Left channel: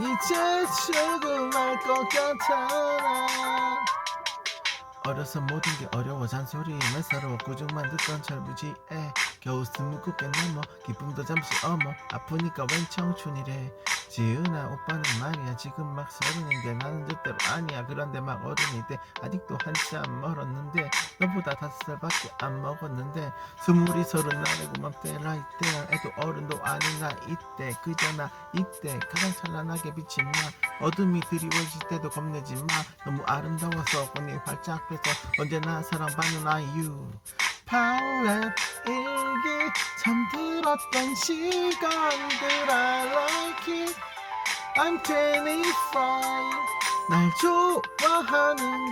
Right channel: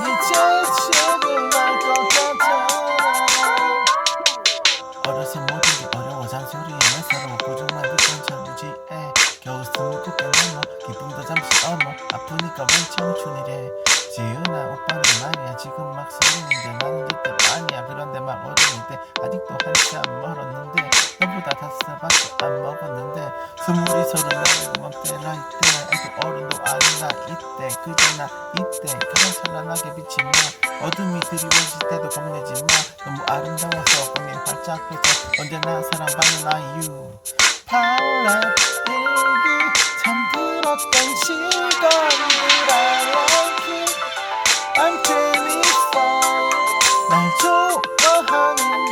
이제 죽을 날것 같잖아 어려서 모든 게 어려워. 잔소리에 내 서로 고정만 듣던 자부지에 겨우 숨을 굳게 넘어 기쁨도 잠시 어머. 아프니까 웬 청춘이래. 지은아 오빠는 많이야. 지금 막 서리는데 나는 그때 아니야. 그런데 막 어른인데 아직도 한참 멀었는데. 보다 다섯 살밖에 안 먹었는데 스물이 서른 나이고 막 때라 이때 애도 어른도 아닌 나 이때 그저 나 이때 가장 찬란하게 비친 나 어둠이 그리워질 때도 겁내지 마 너무 아름다워서 꿈이 활짝 펴져 언제나 사랑받는 아이유. 타올라 일기 잠들었던 시간들 I like it I'm 25날 좋아하는 거라